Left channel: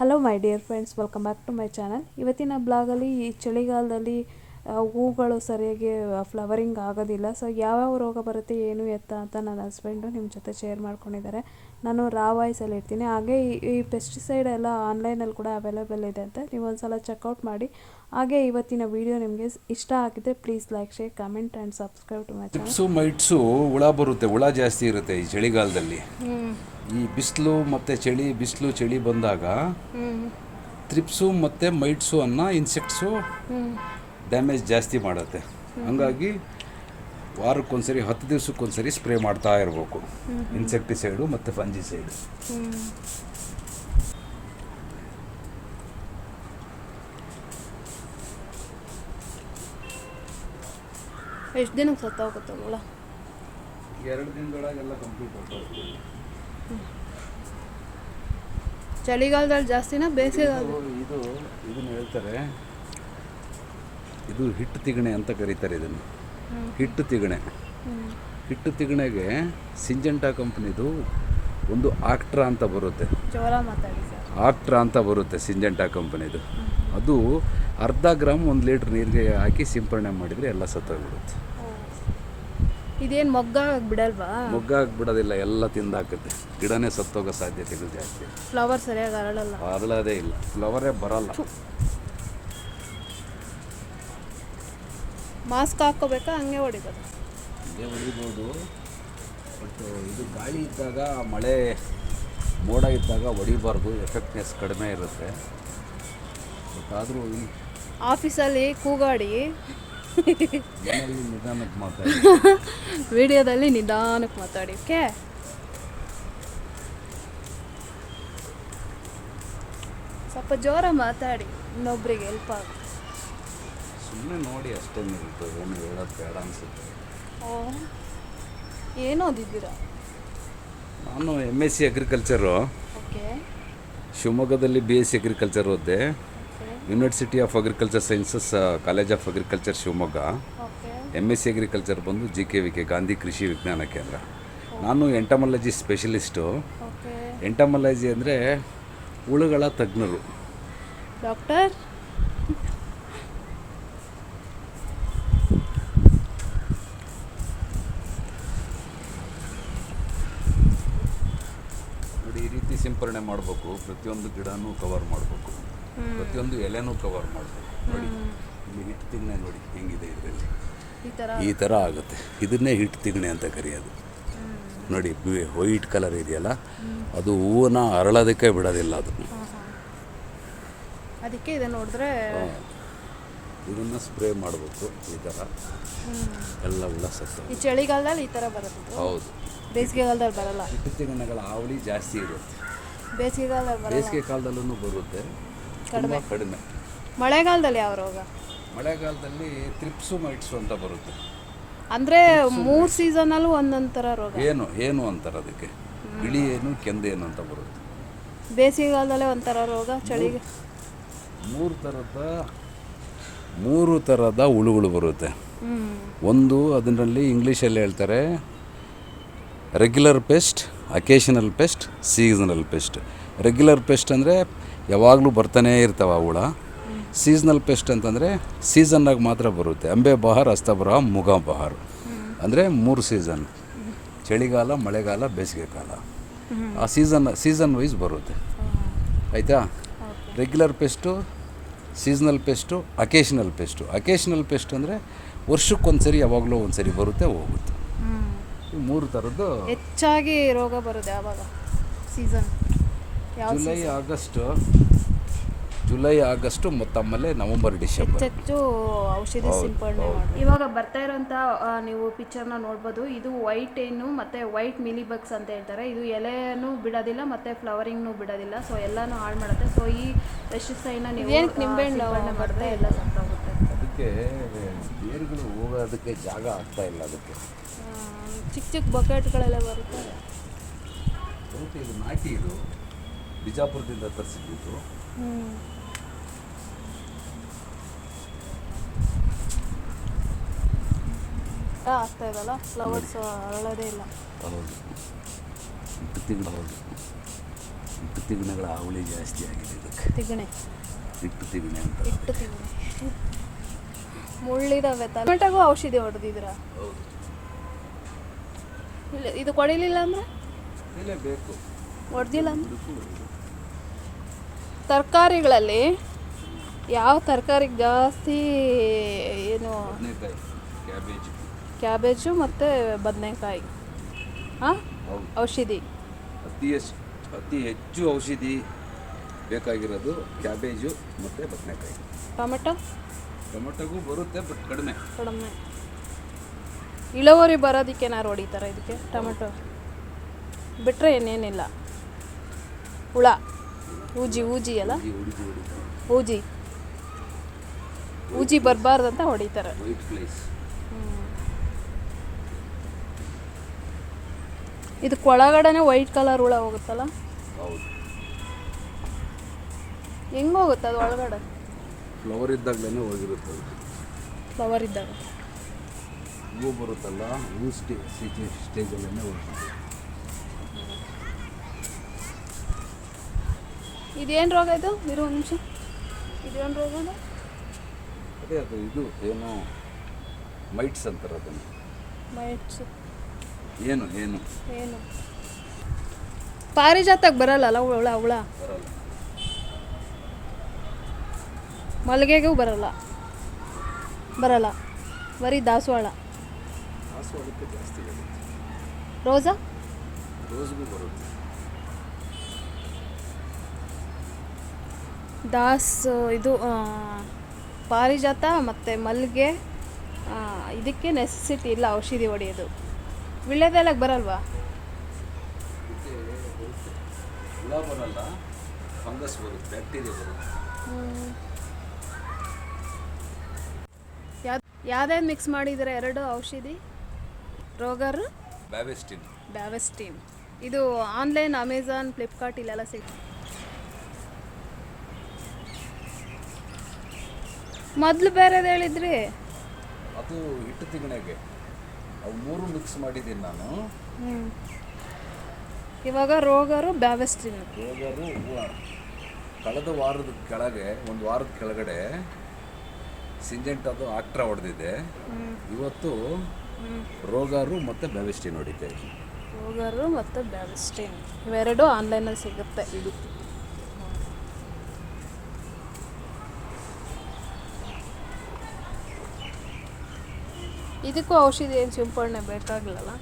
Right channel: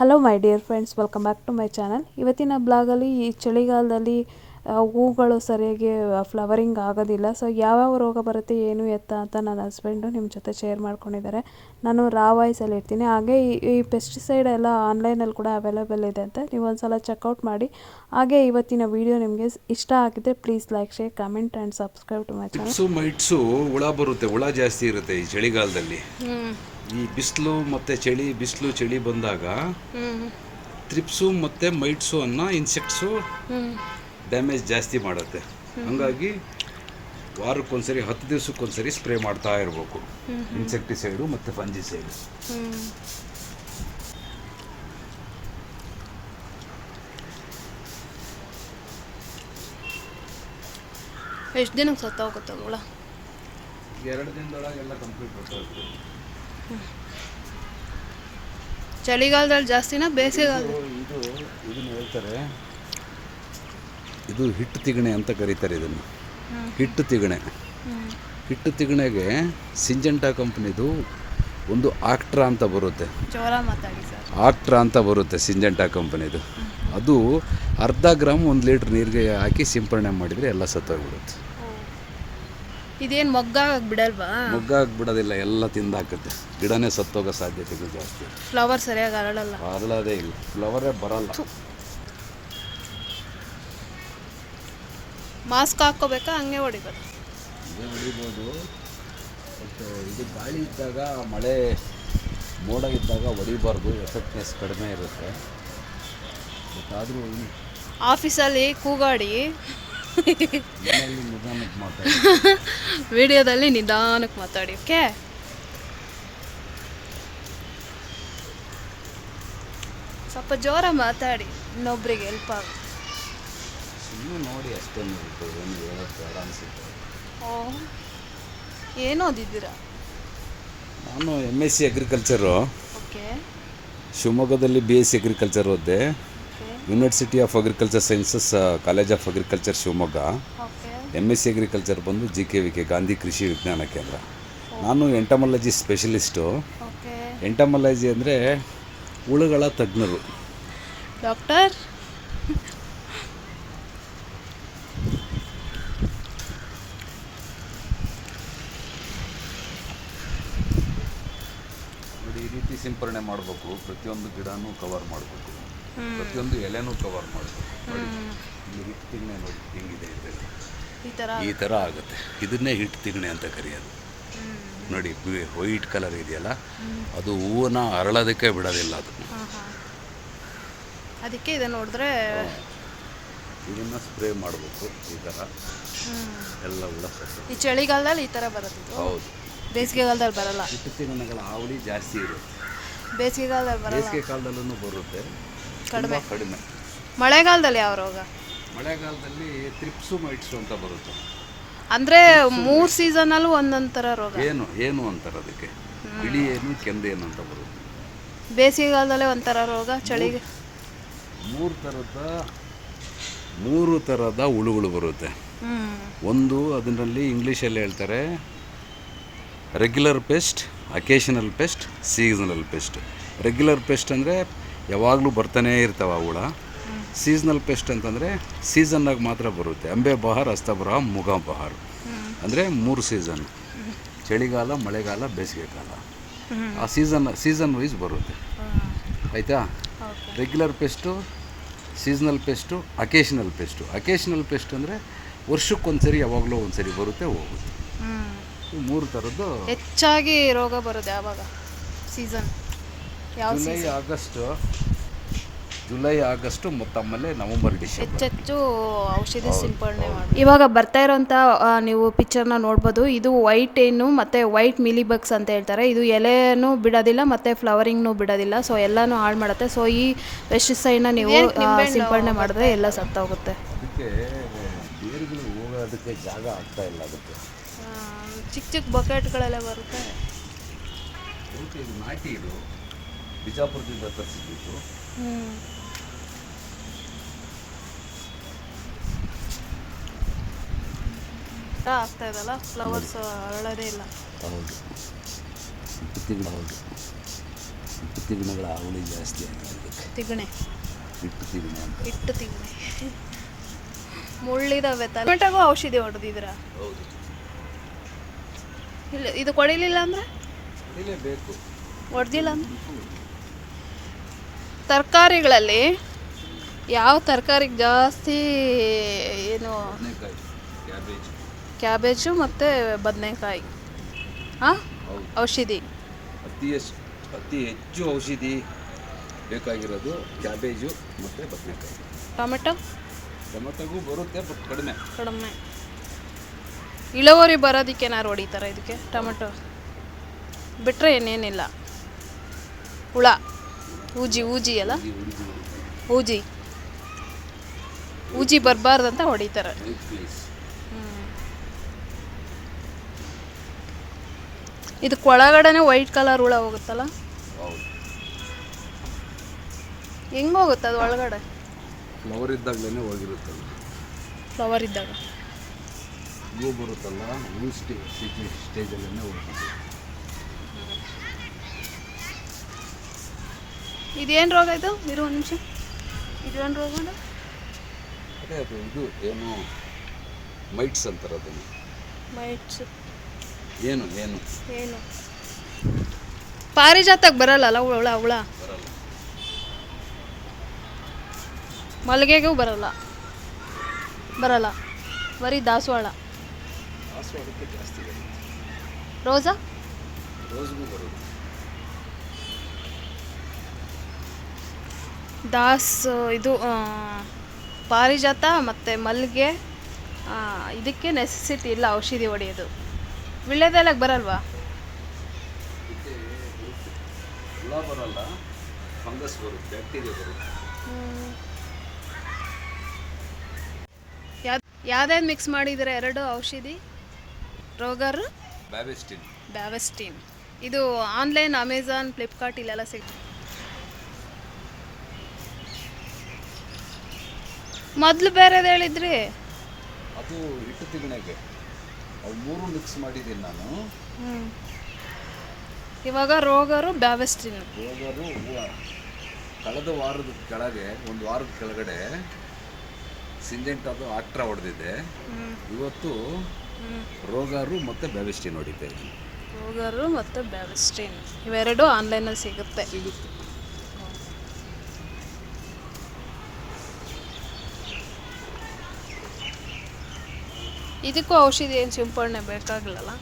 Hello my dear friends welcome back to my channel ಇವತ್ತಿನ ಬ್ಲಾಗಲ್ಲಿ ಈ ಚಳಿಗಾಲದಲ್ಲಿ ಹೂಗಳು ಸರಿಯಾಗಿ ಫ್ಲವರಿಂಗ್ ಆಗೋದಿಲ್ಲ. ಸೊ ಯಾವ್ಯಾವ ರೋಗ ಬರುತ್ತೆ ಏನು ಎತ್ತ ಅಂತ ನನ್ನ ಹಸ್ಬೆಂಡು ನಿಮ್ಮ ಜೊತೆ ಶೇರ್ ಮಾಡ್ಕೊಂಡಿದ್ದಾರೆ. ನಾನು ರಾ ವಾಯ್ಸಲ್ಲಿ ಇರ್ತೀನಿ. ಹಾಗೆ ಈ ಈ ಪೆಸ್ಟಿಸೈಡ್ ಎಲ್ಲ ಆನ್ಲೈನಲ್ಲಿ ಕೂಡ ಅವೈಲೇಬಲ್ ಇದೆ ಅಂತ ನೀವು ಒಂದ್ಸಲ ಚೆಕ್ಔಟ್ ಮಾಡಿ. ಹಾಗೆ ಇವತ್ತಿನ ವಿಡಿಯೋ ನಿಮಗೆ ಇಷ್ಟ ಆಗಿದ್ರೆ please like share comment and subscribe to my channel tips mites ಹುಳ ಬರುತ್ತೆ. ಹುಳ ಜಾಸ್ತಿ ಇರುತ್ತೆ ಈ ಚಳಿಗಾಲದಲ್ಲಿ. ಈ ಬಿಸಿಲು ಮತ್ತು ಚಳಿ ಬಿಸಿಲು ಚಳಿ ಬಂದಾಗ ತ್ರಿಪ್ಸು ಮತ್ತು ಮೈಟ್ಸು ಅನ್ನೋ ಇನ್ಸೆಕ್ಟ್ಸು ಡ್ಯಾಮೇಜ್ ಜಾಸ್ತಿ ಮಾಡುತ್ತೆ. ಹಾಗಾಗಿ ವಾರಕ್ಕೊಂದ್ಸರಿ ಹತ್ತು ದಿವಸಕ್ಕೊಂದ್ಸರಿ ಸ್ಪ್ರೇ ಮಾಡ್ತಾ ಇರಬೇಕು. ಇನ್ಸೆಕ್ಟಿಸೈಡು ಮತ್ತು ಫಂಜಿಸೈಡು ಎಷ್ಟು ದಿನ ಸತ್ತೋಗುತ್ತೆ ಹುಳ? ಎರಡು ದಿನದೊಳಗೆಲ್ಲ ಕಂಪ್ಲೀಟ್ ಚಳಿಗಾಲದಲ್ಲಿ ಜಾಸ್ತಿನಾ ಬೇಸಿಗೆಗಾಲದಲ್ಲಿ? ಇದು ಇದನ್ನು ಹೇಳ್ತಾರೆ ಇದು ಹಿಟ್ಟು ತಿಗಣೆ ಅಂತ ಕರೀತಾರೆ ಇದನ್ನು. ಹಿಟ್ಟು ತಿಗಣೆ. ಹಿಟ್ಟು ತಿಗಣೆಗೆ ಸಿಂಜೆಂಟಾ ಕಂಪ್ನಿದು ಒಂದು ಆಕ್ಟ್ರಾ ಅಂತ ಬರುತ್ತೆ. ಆಕ್ಟ್ರಾ ಅಂತ ಬರುತ್ತೆ ಸಿಂಜೆಂಟಾ ಕಂಪ್ನಿದು. ಅದು ಅರ್ಧ ಗ್ರಾಮ್ ಒಂದು ಲೀಟ್ರ್ ನೀರಿಗೆ ಹಾಕಿ ಸಿಂಪರಣೆ ಮಾಡಿದರೆ ಎಲ್ಲ ಸತ್ತೋಗಿರುತ್ತೆ ಇದೇನು ಮೊಗ್ಗ ಬಿಡಲ್ವಾ ಮೊಗ್ಗ ಬಿಡೋದಿಲ್ಲ ಎಲ್ಲ ತಿಂದಾಕುತ್ತೆ. ಗಿಡನೇ ಸತ್ತೋಗೋ ಸಾಧ್ಯತೆಗಳು ಜಾಸ್ತಿ. ಫ್ಲವರ್ ಸರಿಯಾಗಿ ಅರಳಲ್ಲ. ಅರಳದೇ ಇಲ್ಲ. ಫ್ಲವರೇ ಬರಲ್ಲ. ಮಾಸ್ಕ್ ಹಾಕ್ಕೋಬೇಕಾ? ಹಂಗೆ ಹೊಡಿಬೋದು ಹಂಗೆ ಹೊಡಿಬೋದು. ಬಟ್ ಇದು ಗಾಳಿ ಇದ್ದಾಗ ಮಳೆ ಮೋಡ ಇದ್ದಾಗ ಹೊಡಿಬಾರ್ದು. ಎಫೆಕ್ಟ್ನೆಸ್ ಕಡಿಮೆ ಇರುತ್ತೆ. ಬಟ್ ಆದರೂ ಆಫೀಸಲ್ಲಿ ಕೂಗಾಡಿ. ಮನೆಯಲ್ಲಿ ನಿಧಾನಕ್ಕೆ ಮಾತಾಡಿ. ವಿಡಿಯೋದಲ್ಲಿ ನಿಧಾನಕ್ಕೆ ಮಾತಾಡಿ ಓಕೆ? ಸ್ವಲ್ಪ ಜೋರ ಮಾತಾಡಿ. ಇನ್ನೊಬ್ರಿಗೆ ಹೆಲ್ಪ್ ಆಗ. ಸುಮ್ಮನೆ ನೋಡಿ ಅಷ್ಟೇ ನೀವು ಏನು ಹೇಳೋದು ಬೇಡ ಅನಿಸುತ್ತೆ. ಓ ಏನು ಓದಿದ್ದೀರಾ? ನಾನು M S C agriculture okay. ಶಿವಮೊಗ್ಗದಲ್ಲಿ ಬಿ ಎಸ್ ಸಿ ಅಗ್ರಿಕಲ್ಚರ್ ಓದಿದೆ. University of agriculture sciences college of agriculture Shivamogga. M S C agriculture ಬಂದು G K V K Gandhi Krishi Vigyana Kendra. ನಾನು ಎಂಟಮಾಲಜಿ ಸ್ಪೆಷಲಿಸ್ಟು ಎಂಟಮಾಲಜಿ ಅಂದರೆ ಹುಳುಗಳ ತಜ್ಞರು. Doctor? ನೋಡಿ ಈ ರೀತಿ ಸಿಂಪರಣೆ ಮಾಡಬೇಕು. ಪ್ರತಿಯೊಂದು ಗಿಡನೂ ಕವರ್ ಮಾಡಬೇಕು. ಪ್ರತಿಯೊಂದು ಎಲೆನೂ ಕವರ್ ಮಾಡಬೇಕು. ನೋಡಿ ಇಲ್ಲಿ ಹಿಟ್ಟು ತಿಂಗಣೆ ನೋಡಿ ಹಿಂಗಿದೆ ಇದರಲ್ಲಿ. ಈ ಥರ ಆಗುತ್ತೆ. ಇದನ್ನೇ ಹಿಟ್ಟು ತಿಂಗಣೆ ಅಂತ ಕರೆಯೋದು. ನೋಡಿ ವೈಟ್ ಕಲರ್ ಇದೆಯಲ್ಲ? ಅದು ಹೂವನ್ನ ಅರಳೋದಕ್ಕೆ ಬಿಡೋದಿಲ್ಲ ಅದು. ಅದಕ್ಕೆ ಇದನ್ನು ನೋಡಿದ್ರೆ ಇದನ್ನು ಸ್ಪ್ರೇ ಮಾಡಬೇಕು ಈ ಥರ ಎಲ್ಲ ಈ ಚಳಿಗಾಲದಲ್ಲಿ ಈ ಥರ ಬರುತ್ತೆ ಹೌದು. ಬೇಸಿಗೆಗಾಲದಲ್ಲಿ ಬರಲ್ಲ. ಇಪ್ಪತ್ತು ದಿನಗಳ ಹಾವಳಿ ಜಾಸ್ತಿ ಇರುತ್ತೆ. ಬೇಸಿಗೆಗಾಲದಲ್ಲಿ ಬರಲ್ಲ. ಬೇಸಿಗೆ ಕಾಲದಲ್ಲೂ ಬರುತ್ತೆ. ಕಡಿಮೆ. ಕಡಿಮೆ. ಮಳೆಗಾಲದಲ್ಲಿ ಯಾವ ರೋಗ? ಮಳೆಗಾಲದಲ್ಲಿ ತ್ರಿಪ್ಸು ಮೈಟ್ಸು ಅಂತ ಬರುತ್ತೆ. ಅಂದರೆ ಮೂರು ಸೀಸನಲ್ಲೂ ಒಂದೊಂದು ಥರ ರೋಗ. ಏನು ಏನು ಅಂತಾರೆ ಅದಕ್ಕೆ? ಬಿಳಿ ಏನು ಕೆಂದೇನು ಅಂತ ಬರುತ್ತೆ. ಬೇಸಿಗೆಗಾಲದಲ್ಲೇ ಒಂಥರ ರೋಗ ಚಳಿಗೆ? ಮೂರು ಥರದ ಮೂರು ಥರದ ಹುಳುಗಳು ಬರುತ್ತೆ. ಒಂದು ಅದರಲ್ಲಿ ಇಂಗ್ಲೀಷಲ್ಲಿ ಹೇಳ್ತಾರೆ regular pest occasional pest seasonal pest regular pest ಅಂದರೆ ಯಾವಾಗಲೂ ಬರ್ತಾನೇ ಇರ್ತಾವೆ ಹುಳ. ಸೀಸನಲ್ ಪೆಸ್ಟ್ ಅಂತಂದರೆ ಸೀಸನ್ನಾಗಿ ಮಾತ್ರ ಬರುತ್ತೆ. ಅಂಬೆ ಬಹಾರ್ ಅಸ್ತಬರ ಮುಗ ಬಹಾರ್. ಅಂದರೆ ಮೂರು ಸೀಸನ್ ಚಳಿಗಾಲ ಮಳೆಗಾಲ ಬೇಸಿಗೆ ಕಾಲ. ಆ ಸೀಸನ್ ಸೀಸನ್ ವೈಸ್ ಬರುತ್ತೆ. ಆಯಿತಾ? Regular pest seasonal pest occasional pest occasional pest ಅಂದರೆ ವರ್ಷಕ್ಕೊಂದ್ಸರಿ ಯಾವಾಗಲೂ ಒಂದ್ಸರಿ ಬರುತ್ತೆ ಹೋಗುತ್ತೆ. ಮೂರು ಥರದ್ದು ಹೆಚ್ಚಾಗಿ ರೋಗ ಬರುತ್ತೆ ಯಾವಾಗ ಸೀಸನ್ ಯಾವ ಜುಲೈ ಆಗಸ್ಟು. ಜುಲೈ ಆಗಸ್ಟು ಮತ್ತೆ ಆಮೇಲೆ ನವಂಬರ್ ಡಿಸೆಂಬರ್. ಹೆಚ್ಚೆಚ್ಚು ಔಷಧಿ ಸಿಂಪಡಣೆ ಮಾಡಿ ಇವಾಗ ಬರ್ತಾ ಇರೋಂಥ ಆ, ನೀವು ಪಿಕ್ಚರ್ನ ನೋಡ್ಬೋದು. ಇದು ವೈಟ್ ಏನು ಮತ್ತು ವೈಟ್ ಮಿಲಿ ಬಗ್ಸ್ ಅಂತ ಹೇಳ್ತಾರೆ. ಇದು ಎಲೆನೂ ಬಿಡೋದಿಲ್ಲ ಮತ್ತು ಫ್ಲವರಿಂಗ್ನೂ ಬಿಡೋದಿಲ್ಲ. ಸೊ ಎಲ್ಲನೂ ಹಾಳು ಮಾಡುತ್ತೆ. ಸೊ ಈ ಪೆಸ್ಟಿಸೈಡ್ನ ನೀವು ಆ, ಸಿಂಪಡಣೆ ಮಾಡಿದ್ರೆ ಎಲ್ಲ ಸತ್ತೋಗುತ್ತೆ. ಅದಕ್ಕೆ ಬೇರುಗಳು ಹೋಗೋದಕ್ಕೆ ಜಾಗ ಆಗ್ತಾ ಇಲ್ಲ ಅದಕ್ಕೆ. ಚಿಕ್ಕ ಚಿಕ್ಕ ಬಕೆಟ್ಗಳೆಲ್ಲ ಬರುತ್ತೆ. ಇದು ನಾಟಿ ಇದು. ಬಿಜಾಪುರದಿಂದ ತರಿಸಿದ್ದು. ಹ್ಞೂ ಆಗ್ತಾ ಇದಲ್ಲ? ಫ್ಲವರ್ಸ್ ಅರಳೋದೇ ಇಲ್ಲ. ಹೌದು. ತಿಂಗಳು ಹೌದು. ಹಿಟ್ಟು ತಿಗಣೆಗಳ ಹಾವಳಿ ಜಾಸ್ತಿ ಆಗಿದೆ ತಿಗಣೆ. ಹಿಟ್ಟು ತಿಗಣೆ ಅಂತ. ಇಟ್ಟು ತಿಗಣೆ. ಮುಳ್ಳಿದಾವೆ ಟೊಮೆಟೊಗೂ ಔಷಧಿ ಹೊಡೆದಿದ್ರ ಹೌದು. ಇಲ್ಲ ಇದು ಕೊಡಿಲಿಲ್ಲ ಅಂದ್ರೆ? ಹೊಡ್ದಿಲ್ಲ ಅಂದ್ರೆ? ತರಕಾರಿಗಳಲ್ಲಿ ಯಾವ ತರಕಾರಿಗೆ ಜಾಸ್ತಿ ಏನು ಕ್ಯಾಬೇಜ್. ಕ್ಯಾಬೇಜು ಮತ್ತು ಬದನೆಕಾಯಿ. ಹಾಂ ಔಷಧಿ. ಅತಿ ಅತಿ ಹೆಚ್ಚು ಔಷಧಿ ಬೇಕಾಗಿರೋದು ಕ್ಯಾಬೇಜು ಮತ್ತು ಬದನೆಕಾಯಿ. ಟೊಮೆಟೊ? ಟೊಮೆಟೊಗೂ ಬರುತ್ತೆ ಬಟ್ ಕಡಿಮೆ. ಕಡಿಮೆ. ಇಳುವರಿ ಬರೋದಕ್ಕೆ ಏನಾರು ಹೊಡಿತಾರೆ ಇದಕ್ಕೆ? ಟೊಮೆಟೊ. ಬಿಟ್ಟರೆ ಏನೇನಿಲ್ಲ ಹುಳ. ಊಜಿ ಊಜಿ ಅಲ್ಲ? ಊಜಿ ಊಜಿ ಅಂತ ಹೊಡಿತಾರೆ. ಇದು ಇದಕ್ಕೆ ಒಳಗಡೆನೆ ವೈಟ್ ಕಲರ್ ಹುಳ ಹೋಗುತ್ತಲ್ಲ? ಹೆಂಗ್ ಹೆಂಗೆ ಹೋಗುತ್ತೆ ಅದು ಒಳಗಡೆ? ಫ್ಲವರ್ ಇದ್ದಾಗಲೇ ಹೋಗಿರುತ್ತೆ ಫ್ಲವರ್ ಇದ್ದಾಗ. ಹೂವು ಬರುತ್ತಲ್ಲ ಹೂ ಸ್ಟೇ ಸಿಟಿ ಸ್ಟೇಜಲ್ಲೇ ಹೋಗ್ತೀವಿ ಇದೇನು ರೋಗ ಇದು? ಇರು ಒಂದು ನಿಮಿಷ. ಇದೇನು ರೋಗ ಅದು? ಅದೇ ಇದು ಏನು ಮೈಟ್ಸ್ ಅಂತಾರೆ ಅದನ್ನು. ಮೈಟ್ಸ್. ಏನು ಏನು? ಏನು? ಪಾರಿಜಾತಕ್ಕೆ ಬರಲ್ಲಲ್ಲ ಹುಳ ಹುಳ? ಬರಲ್ಲ. ಮಲ್ಲಿಗೆಗೂ ಬರಲ್ಲ. ಬರಲ್ಲ. ಬರೀ ದಾಸವಾಳ. ದಾಸವಾಳಕ್ಕೆ ಜಾಸ್ತಿ ಬರುತ್ತೆ ರೋಸಾ ರೋಸ್ಗೂ ಬರುತ್ತೆ ದಾಸ್ ಇದು ಪಾರಿಜಾತ ಮತ್ತು ಮಲ್ಲಿಗೆ ಇದಕ್ಕೆ ನೆಸೆಸಿಟಿ ಇಲ್ಲ ಔಷಧಿ ಹೊಡೆಯೋದು. ವಿಳ್ಯದೆಲ್ಲ ಬರಲ್ವಾ? ಹುಳ ಬರಲ್ಲ ಫಂಗಸ್ ಬರುತ್ತೆ ಬ್ಯಾಕ್ಟೀರಿಯಾ ಬರುತ್ತೆ ಯಾವ್ದು ಯಾವ್ದ್ಯಾವ್ದು ಮಿಕ್ಸ್ ಮಾಡಿದರೆ ಎರಡು ಔಷಧಿ? ರೋಗರು? ಬ್ಯಾವೆಸ್ಟಿನ್. ಬ್ಯಾವೆಸ್ಟಿನ್. ಇದು ಆನ್ಲೈನ್ ಅಮೆಝಾನ್ ಫ್ಲಿಪ್ಕಾರ್ಟ್ ಇಲ್ಲೆಲ್ಲ ಸಿಗ್ತದೆ. ಮೊದಲು ಬೇರೆದು ಹೇಳಿದ್ರಿ? ಅದು ಹಿಟ್ಟು ತಿಗಣೆಗೆ ಅವು ಮೂರು ಮಿಕ್ಸ್ ಮಾಡಿದ್ದೀನಿ ನಾನು. ಹ್ಞೂ ಇವಾಗ ರೋಗರು ಬ್ಯಾವೆಸ್ಟಿನ್. ರೋಗರು ಹೂವು. ಕಳೆದ ವಾರದ ಕೆಳಗೆ ಒಂದು ವಾರದ ಕೆಳಗಡೆ ಸಿಂಜೆಂಟ್ ಅದು ಆಕ್ಟ್ರಾ ಹೊಡೆದಿದೆ. ಇವತ್ತು ರೋಗಾರು ಮತ್ತು ಬ್ಯಾವಿಸ್ಟಿನ್ ಹೊಡಿತ ರೋಗಾರು ಮತ್ತು ಬ್ಯಾವೆಸ್ಟಿನ್ ಇವೆರಡು ಆನ್ಲೈನಲ್ಲಿ ಸಿಗುತ್ತೆ. ಇದಕ್ಕೂ ಔಷಧಿ ಏನು ಸಿಂಪಡಣೆ ಬೇಕಾಗಿಲ್ಲಲ್ಲ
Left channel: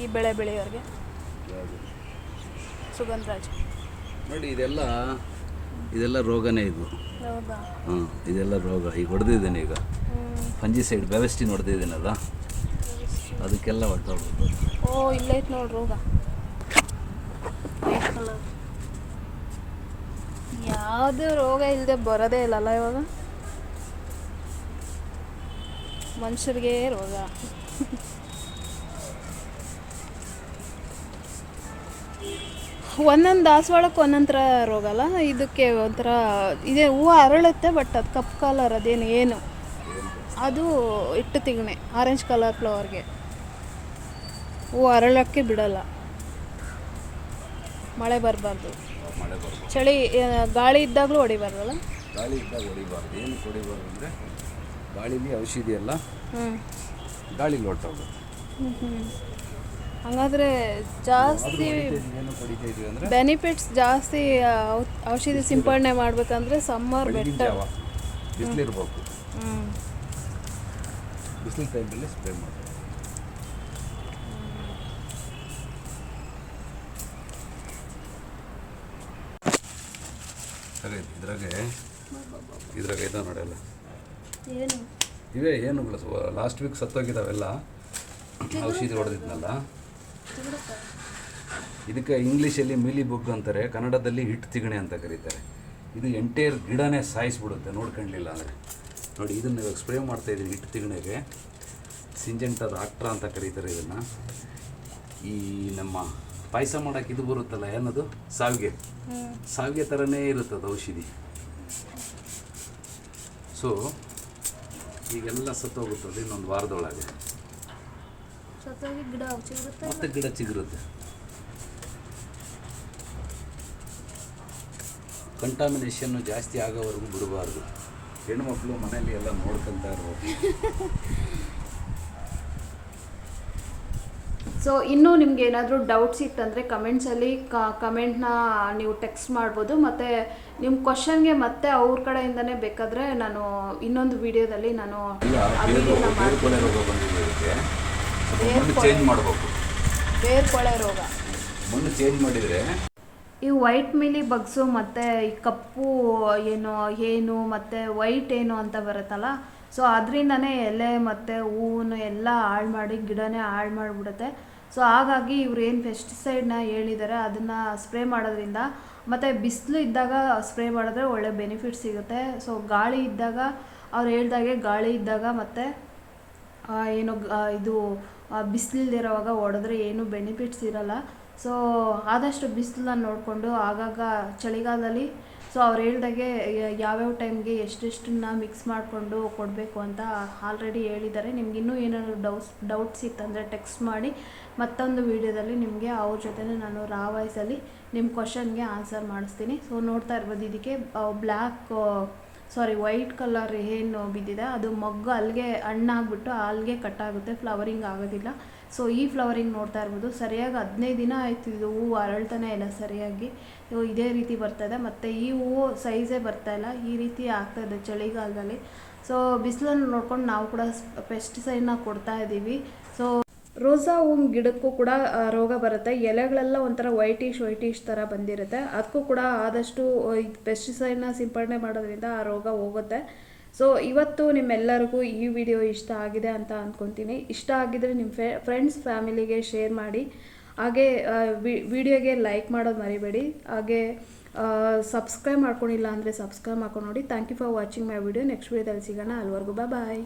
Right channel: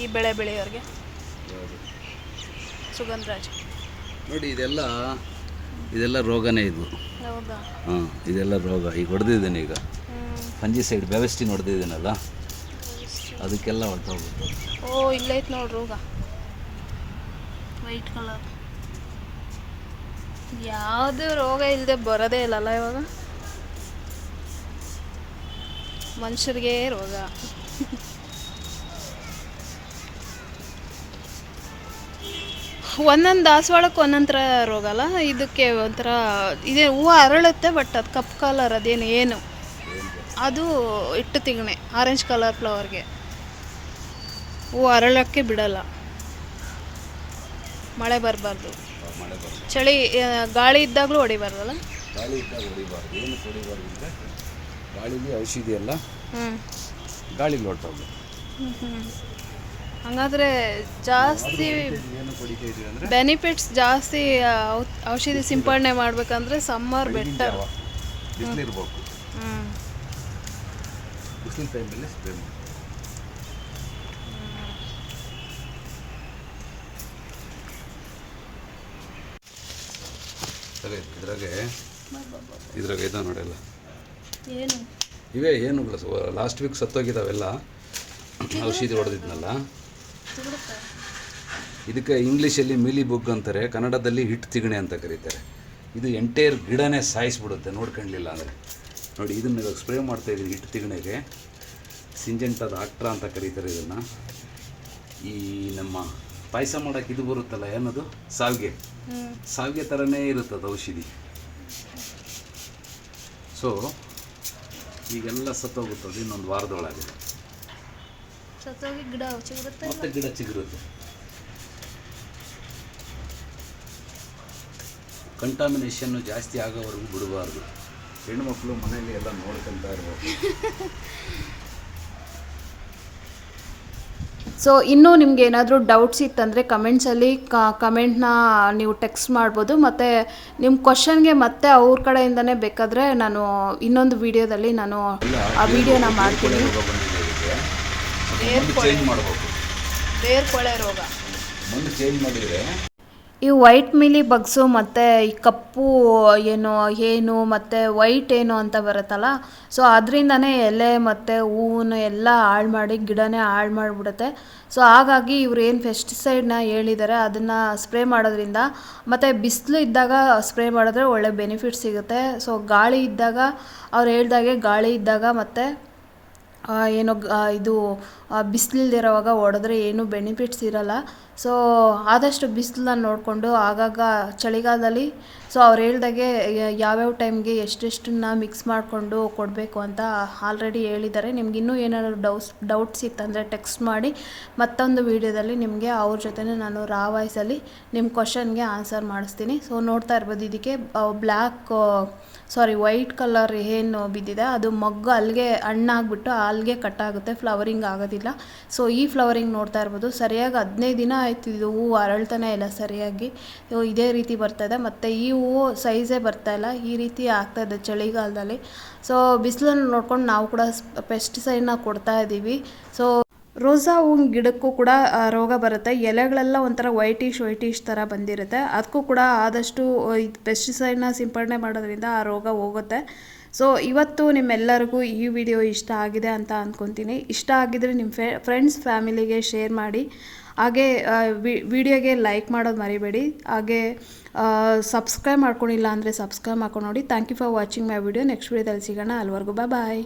ಈ ಬೆಳೆ ಬೆಳೆಯೋರಿಗೆ? ಸುಗಂಧರಾಜ್. ನೋಡಿ ಇದೆಲ್ಲ ಇದೆಲ್ಲ ರೋಗನೇ ಇದು. ಹೌದಾ? ಹಾಂ ಇದೆಲ್ಲ ರೋಗ. ಈಗ ಹೊಡೆದಿದ್ದೀನಿ ಈಗ. ಪಂಜಿ ಸೈಡ್ ಬ್ಯಾವೆಸ್ಟಿನ್ ಹೊಡೆದಿದ್ದೀನಲ್ಲ? ಅದಕ್ಕೆಲ್ಲ ಹೊಟ್ಟೋಗ್ಬೇಕು ಓ ಇಲ್ಲೈತ್ ನೋಡ್ರಿ ರೋಗ. ವೈಟ್ ಕಲರ್ ಯಾವುದು ರೋಗ ಇಲ್ಲದೆ ಬರೋದೇ ಇಲ್ಲಲ್ಲ ಇವಾಗ? ಮನುಷ್ಯರಿಗೆ ರೋಗ. ಒಂದೊಂದು ದಾಸವಾಳಕ್ಕೆ ಒಂದೊಂದು ಥರ ರೋಗ ಅಲ್ಲ? ಇದಕ್ಕೆ ಒಂಥರ ಇದೇ ಹೂವು ಅರಳುತ್ತೆ ಬಟ್ ಅದು ಕಪ್ಪು ಕಲರ್ ಅದೇನು ಏನು? ಅದು ಇಟ್ಟು ತಿಗಣೆ ಆರೆಂಜ್ ಕಲರ್ ಫ್ಲವರ್ಗೆ ಹೂವು ಅರಳೋಕ್ಕೆ ಬಿಡಲ್ಲ. ಮಳೆ ಬರಬಾರ್ದು. ಮಳೆ ಚಳಿ ಆ, ಗಾಳಿ ಇದ್ದಾಗಲೂ ಹೊಡಿಬಾರ್ದಲ್ಲ? ಗಾಳಿ ಇದ್ದಾಗ ಹೊಡಿಬಾರ್ದು. ಏನು ಹೊಡಿಬಾರ್ದು ಅಂದರೆ ಗಾಳಿಲಿ ಔಷಧಿ ಎಲ್ಲ ಹ್ಞೂ ಗಾಳಿ ಹೊಟ್ಟೋಗ್ಬೇಕು ಹ್ಞೂ ಹ್ಞೂ ಹಂಗಾದ್ರೆ ಜಾಸ್ತಿ ಏನು ಹೊಡಿತಾ ಇದೀವಿ ಅಂದರೆ? ಬೆನಿಫಿಟ್ಸ್ ಜಾಸ್ತಿ ಆ, ಔ- ಔಷಧಿ ಸಿಂಪಡಣೆ ಮಾಡ್ಬೇಕಂದ್ರೆ ಸಮ್ಮರ್ ಬೆಟರ್ ಬಿಸಿಲಿರ್ಬೇಕು ಹ್ಞೂ ಬಿಸಿಲು ಟೈಮಲ್ಲಿ ಸ್ಪ್ರೇ ಮಾಡಿ ಸರಿ ಇದ್ರಾಗೆ ಇದ್ರಾಗೆ ಇದು ನೋಡಲ್ಲ. ಇವೇ ಏನು ಲಾಸ್ಟ್ ವೀಕ್ ಸತ್ತೋಗಿದ್ದಾವೆಲ್ಲ. ಔಷಧಿ ಹೊಡೆದಿದ್ನಲ್ಲ. ಇದಕ್ಕೆ ಇಂಗ್ಲೀಷಲ್ಲಿ ಮಿಲಿ ಬುಗ್ ಅಂತಾರೆ ಕನ್ನಡದಲ್ಲಿ ಹಿಟ್ಟು ತಿಗಣೆ ಅಂತ ಕರೀತಾರೆ. ಇದು ಎಂಟೈರ್ ಗಿಡನೇ ಸಾಯಿಸ್ಬಿಡುತ್ತೆ ನೋಡ್ಕೊಂಡಿಲ್ಲ ಅಂದರೆ. ನೋಡಿ ಇದನ್ನು ಇವಾಗ ಸ್ಪ್ರೇ ಮಾಡ್ತಾ ಇದ್ದೀನಿ ಹಿಟ್ಟು ತಿಗಣೆಗೆ. ಸಿಂಜೆಂಟಾದ ಆಕ್ಟ್ರಾ ಅಂತ ಕರೀತಾರೆ ಇದನ್ನು. ಈ ನಮ್ಮ ಪಾಯಸ ಮಾಡೋಕೆ ಇದು ಬರುತ್ತಲ್ಲ ಏನದು? ಸಾವಿಗೆ. ಸಾವಿಗೆ ಥರನೇ ಇರುತ್ತದೆ ಔಷಧಿ. ಸೊ ಈಗೆಲ್ಲ ಸತ್ತೋಗುತ್ತದೆ ಇನ್ನೊಂದು ವಾರದೊಳಗೆ. ಗಿಡ ಮತ್ತೆ ಗಿಡ ಚಿಗುರುತ್ತೆ. ಕಂಟಾಮಿನೇಷನ್ನು ಜಾಸ್ತಿ ಆಗೋವರೆಗೂ ಬಿಡಬಾರ್ದು. ಹೆಣ್ಮಕ್ಳು ಮನೆಯಲ್ಲಿ ಎಲ್ಲ ನೋಡ್ಕೊತಾ ಇರ್ಬೇಕು. ಸೊ ಇನ್ನೂ ನಿಮ್ಗೆ ಏನಾದರೂ ಡೌಟ್ಸ್ ಇತ್ತಂದರೆ ಕಮೆಂಟ್ಸಲ್ಲಿ ಕಮೆಂಟ್ನ ನೀವು ಟೆಕ್ಸ್ಟ್ ಮಾಡ್ಬೋದು. ಮತ್ತು ನಿಮ್ಮ ಕ್ವಶನ್ಗೆ ಮತ್ತೆ ಅವ್ರ ಕಡೆಯಿಂದನೇ ಬೇಕಾದರೆ ನಾನು ಇನ್ನೊಂದು ವಿಡಿಯೋದಲ್ಲಿ ನಾನು ಆ ವಿಡಿಯೋನ ಮಾಡ್ತೀನಿ. ಕೊಳೆ ರೋಗ ಮುಂದೆ ಚೇಂಜ್ ಮಾಡಿದರೆ ಈ ವೈಟ್ ಮಿಲಿ ಬಗ್ಸು ಮತ್ತು ಈ ಕಪ್ಪು ಏನು ಏನು ಮತ್ತು ವೈಟ್ ಏನು ಅಂತ ಬರುತ್ತಲ್ಲ ಸೊ ಅದರಿಂದನೇ ಎಲೆ ಮತ್ತು ಹೂವನ್ನು ಎಲ್ಲ ಹಾಳು ಮಾಡಿ ಗಿಡನೇ ಹಾಳು ಮಾಡಿಬಿಡುತ್ತೆ. ಸೊ ಹಾಗಾಗಿ ಇವ್ರು ಏನು ಪೆಸ್ಟಿಸೈಡ್ನ ಹೇಳಿದ್ದಾರೆ ಅದನ್ನು ಸ್ಪ್ರೇ ಮಾಡೋದ್ರಿಂದ, ಮತ್ತು ಬಿಸಿಲು ಇದ್ದಾಗ ಸ್ಪ್ರೇ ಮಾಡಿದ್ರೆ ಒಳ್ಳೆ ಬೆನಿಫಿಟ್ ಸಿಗುತ್ತೆ. ಸೊ ಗಾಳಿ ಇದ್ದಾಗ, ಅವ್ರು ಹೇಳ್ದಾಗೆ ಗಾಳಿ ಇದ್ದಾಗ ಮತ್ತು ಏನೋ ಇದು ಬಿಸಿಲಿಲ್ದಿರೋವಾಗ ಹೊಡೆದ್ರೆ ಏನು ಬೆನಿಫಿಟ್ಸ್ ಇರಲ್ಲ. ಸೊ ಆದಷ್ಟು ಬಿಸಿಲನ್ನ ನೋಡಿಕೊಂಡು ಆಗಾಗ ಚಳಿಗಾಲದಲ್ಲಿ ಸೊ ಅವ್ರು ಹೇಳ್ದಾಗೆ ಯಾವ್ಯಾವ ಟೈಮ್ಗೆ ಎಷ್ಟೆಷ್ಟನ್ನ ಮಿಕ್ಸ್ ಮಾಡಿಕೊಂಡು ಕೊಡಬೇಕು ಅಂತ ಆಲ್ರೆಡಿ ಹೇಳಿದ್ದಾರೆ. ನಿಮ್ಗೆ ಇನ್ನೂ ಏನಾದರೂ ಡೌಟ್ಸ್ ಡೌಟ್ಸ್ ಇತ್ತಂದರೆ ಟೆಕ್ಸ್ಟ್ ಮಾಡಿ, ಮತ್ತೊಂದು ವೀಡಿಯೋದಲ್ಲಿ ನಿಮಗೆ ಅವ್ರ ಜೊತೆನೇ ನಾನು ರಾ ವಾಯ್ಸಲ್ಲಿ ನಿಮ್ಮ ಕ್ವಶನ್ಗೆ ಆನ್ಸರ್ ಮಾಡಿಸ್ತೀನಿ. ಸೊ ನೋಡ್ತಾ ಇರ್ಬೋದು, ಇದಕ್ಕೆ ಬ್ಲ್ಯಾಕ್ ಸಾರಿ ವೈಟ್ ಕಲರ್ ಏನು ಬಿದ್ದಿದೆ. ಅದು ಮಗ್ಗು ಅಲ್ಲಿಗೆ ಹಣ್ಣಾಗ್ಬಿಟ್ಟು ಅಲ್ಲಿಗೆ ಕಟ್ ಆಗುತ್ತೆ ಫ್ಲವರಿಂಗ್ ಆಗೋದಿಲ್ಲ. ಸೊ ಈ ಫ್ಲವರಿಂಗ್ ನೋಡ್ತಾ ಇರ್ಬೋದು. ಸರಿಯಾಗಿ ಹದಿನೈದು ದಿನ ಆಯ್ತು ಇದು ಹೂವು ಅರಳ್ತಾನೆ ಇಲ್ಲ ಸರಿಯಾಗಿ. ಇದೇ ರೀತಿ ಇದೆ. ಮತ್ತು ಈ ಹೂವು ಸೈಜೇ ಬರ್ತಾ ಇಲ್ಲ. ಈ ರೀತಿ ಆಗ್ತಾ ಇದೆ ಚಳಿಗಾಲದಲ್ಲಿ. ಸೊ ಬಿಸಿಲನ್ನು ನೋಡ್ಕೊಂಡು ನಾವು ಕೂಡ ಪೆಸ್ಟಿಸೈಡ್ನ ಕೊಡ್ತಾ ಇದ್ದೀವಿ ಸೊ ರೋಸಾ ಹೂವಿನ ಗಿಡಕ್ಕೂ ಕೂಡ ರೋಗ ಬರುತ್ತೆ. ಎಲೆಗಳೆಲ್ಲ ಒಂಥರ ವೈಟಿಶ್ ವೈಟಿಶ್ ಥರ ಬಂದಿರುತ್ತೆ. ಅದಕ್ಕೂ ಕೂಡ ಆದಷ್ಟು ಇದು ಪೆಸ್ಟಿಸೈಡ್ನ ಸಿಂಪಡಣೆ ಮಾಡೋದ್ರಿಂದ ಆ ರೋಗ ಹೋಗುತ್ತೆ. ಸೊ ಇವತ್ತು ನಿಮ್ಮೆಲ್ಲರಿಗೂ ಈ ವಿಡಿಯೋ ಇಷ್ಟ ಆಗಿದೆ ಅಂತ ಅಂದ್ಕೊತೀನಿ ಇಷ್ಟ ಆಗಿದ್ರೆ ನಿಮ್ಮ ಫೆ ಫ್ರೆಂಡ್ಸ್ ಫ್ಯಾಮಿಲಿಗೆ ಶೇರ್ ಮಾಡಿ. ಹಾಗೆ ವಿಡಿಯೋಗೆ ಲೈಕ್ ಮಾಡೋದು ಮರಿಬೇಡಿ. ಹಾಗೆ ಸಬ್ಸ್ಕ್ರೈಬ್ ಮಾಡ್ಕೊಂಡಿಲ್ಲ ಅಂದರೆ ಸಬ್ಸ್ಕ್ರೈಬ್ ಮಾಡ್ಕೊಂಡು ನೋಡಿ. Thank you for watching my video next ವಿಡಿಯೋದಲ್ಲಿ ಸಿಗೋಣ. ಅಲ್ವರೆಗೂ ಬಾಯ್